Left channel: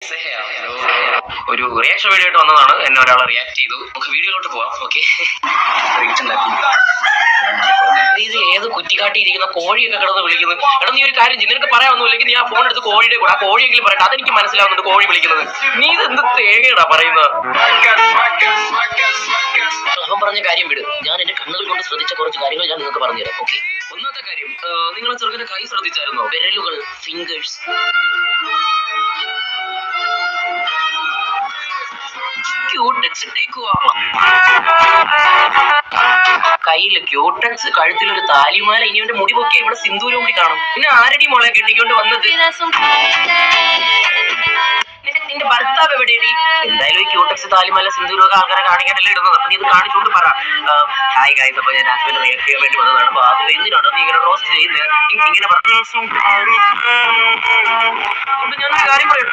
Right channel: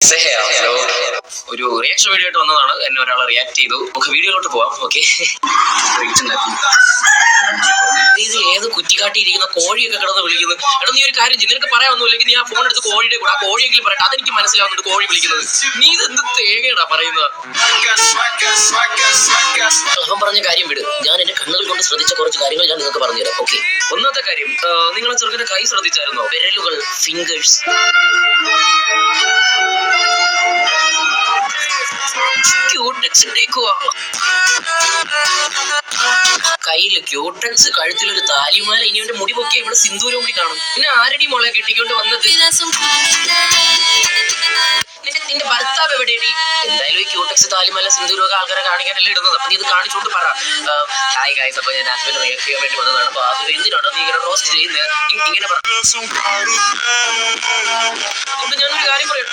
Hello, ഒരു reaction video ആയിട്ട് വന്നതാണ്. എന്നെ ഒരാൾ റിയാക്ട് ചെയ്തു. നമുക്ക് വീഡിയോയിലോട്ട് പോവാം. ഓക്കെ, ഇത് ഏത് കുറ്റിക്കാട്ടിയിരിക്കുന്ന കോഴിയൊക്കെ കിടന്ന് വിളിക്കുന്നു. എടാ, നീ ഒരു കാര്യം ചെയ്യും, നിനക്ക് പറയാനൊന്നുമില്ലെങ്കിൽ നീ ആ ഫോൺ എടുത്ത് കോഴിയുടെ കൂടെ ആ കോഴിയെങ്കിലും പറയട്ടെ. അതെനിക്ക് മനസ്സിലാവുന്നുണ്ട് കോഴി വിളിക്കുന്നത്. നീ ഇത് എന്ത് തേങ്ങയടാ പറയുന്നത്? അവൻ പറഞ്ഞ കാര്യം വിട്. ഞാൻ എന്റെ കണ്ണുകൾ കൊണ്ട് ശ്രദ്ധിച്ച കുറച്ച് കാര്യങ്ങൾ ഞാൻ നിങ്ങൾക്ക് പറഞ്ഞുതരാം. ഓക്കെ, ഒന്നാമത്തെ കാര്യം, നിങ്ങളെ ചെറുക്കന്റെ കൈ ശ്രദ്ധിച്ചായിരുന്നോ? വിരലുകൾ, ഫിംഗേഴ്സ്. കയ്യില് ക്യൂട്ടക്സ്, കഴുത്തിലൊരു താലിമാല. ഇനി അവന്റെ മുടി പൊക്കിയ ഇവിടെ സിന്ദൂരം കൂടി കാണും. പിന്നെ ആരടി മോളെ കെട്ടിക്കൊണ്ട് വന്നത്? നിന്റെ ഭർത്താവ് എവിടെയടി? എന്തായാലും ഈ ക്യൂട്ടക്സ്, താലിമാല, സിന്ദൂരമൊക്കെ ആൾക്കാരെ കാണിക്കാനല്ലേ ഇടുന്നത്. അപ്പൊ നീ ഇത് കാണിച്ചുകൊണ്ട് പറ, ഹായ് ഗൈസ്, അപ്പൊ ഞാൻ ഹസ്ബൻഡ് റിയാക്ട് ചെയ്യാൻ വേണ്ടി വന്നതാണ്. അപ്പൊ അത് എന്തിനാണോ നീ ഇങ്ങനെ റോസ്റ്റ് ചെയ്യുന്നത്? ഇങ്ങനെ പറ. ഞാനൊരു കാര്യം പറയാം,